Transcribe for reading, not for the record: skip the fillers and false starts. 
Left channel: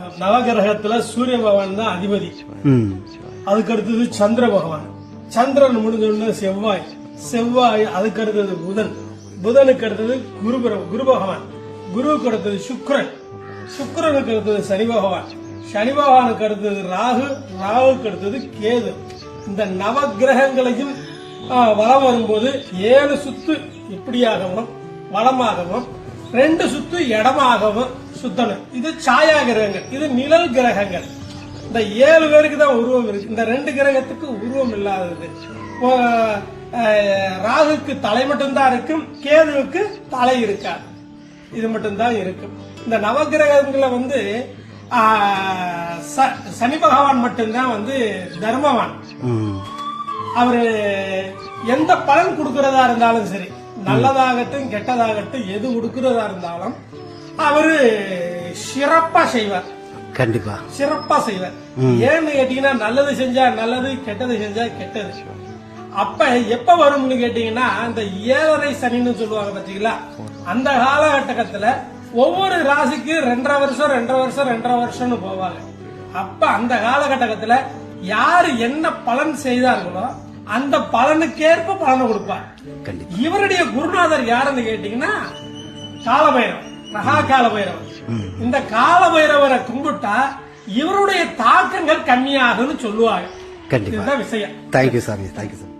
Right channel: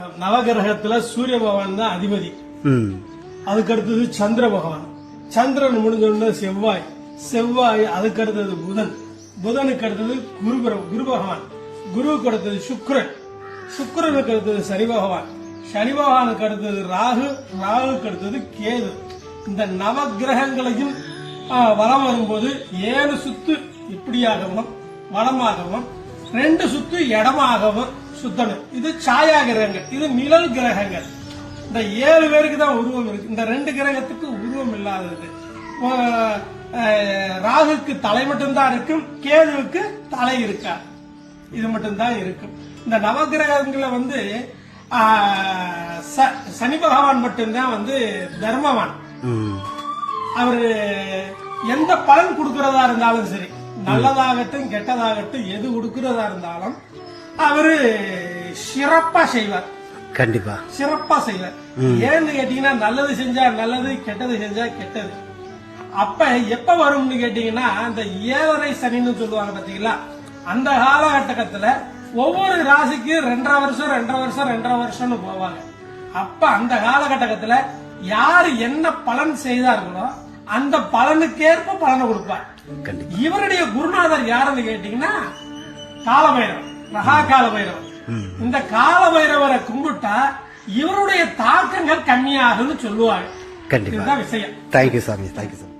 நவகிரகத்துல சூரிய பகவான் தான் அதிபதி. அதுக்கு அடுத்தது சந்திர பகவான். சந்திரன் முடிஞ்ச செவ்வாய். செவ்வாய் அதுக்கு அடுத்தது புதன். புதனுக்கு அடுத்தது குரு பகவான். குருவுக்கு அடுத்தது சுக்கிரன். சுக்கிரனுக்கு அடுத்தது சனி பகவான். சனி பகவானுக்கு அடுத்தது ராகு. ராகுக்கு அடுத்தது கேது. இந்த நவகிரகங்களையும் வலம் வரும்போது 7 சுத்து இப்படியாகவும் வளமாகவும் 2 சுத்து இடமாகவும் சுத்தணும். இது சாயா கிரகங்கள், இது நிழல் கிரகங்கள். இந்த 7 பேருக்கு தான் உருவம் இருக்கு. இந்த 2 கிரகத்துக்கு உருவம் இல்லாதது. ராகுக்கு தலை மட்டும்தான் இருக்கும், கேதுவுக்கு தலை இருக்காது. இது மட்டும்தான் இருக்கும். இந்த நவகிரகங்களை சனி பகவான் மட்டும்தான் தர்மவான். அவரு எந்த பலன் கொடுக்கறதா இருந்தாலும் சரி, நல்லதாகட்டும் கெட்டதாகட்டும், எது கொடுக்கறதா இருந்தாலும் அவரு சிறப்பா செய்வார். கண்டிப்பா சிறப்பா செய்வார். ஏன்னு கேட்டீங்கன்னா, நல்லது செஞ்சா நல்லது, கெட்டது செஞ்சா கெட்டது. அப்ப எப்ப வரும்னு கேட்டீங்கன்னா, அந்த 7.5 சனின்னு சொல்லுவாங்க பாத்தீங்களா, அந்த காலகட்டத்துல ஒவ்வொரு ராசிக்கு 2.5 வருஷம்னு போவாங்க. அப்ப அந்த காலகட்டத்துல யாரு என்ன பலன் செய்தார்களோ அந்த பலனுக்கேற்ப பலனை கொடுப்பார். இவருடைய குருநாதர் யாருன்னு கேட்டீங்கன்னா காலபைரவர், மகா காலபைரவர். இந்த காலபைரவரை கும்பிட்டா இவருடைய தாக்கங்கள் கம்மியாகும்னு சொல்லுவாங்க. கண்டிப்பா. இதுதான் விஷயம். தேங்க்யூ சாமி, தேங்க்யூ சாமி.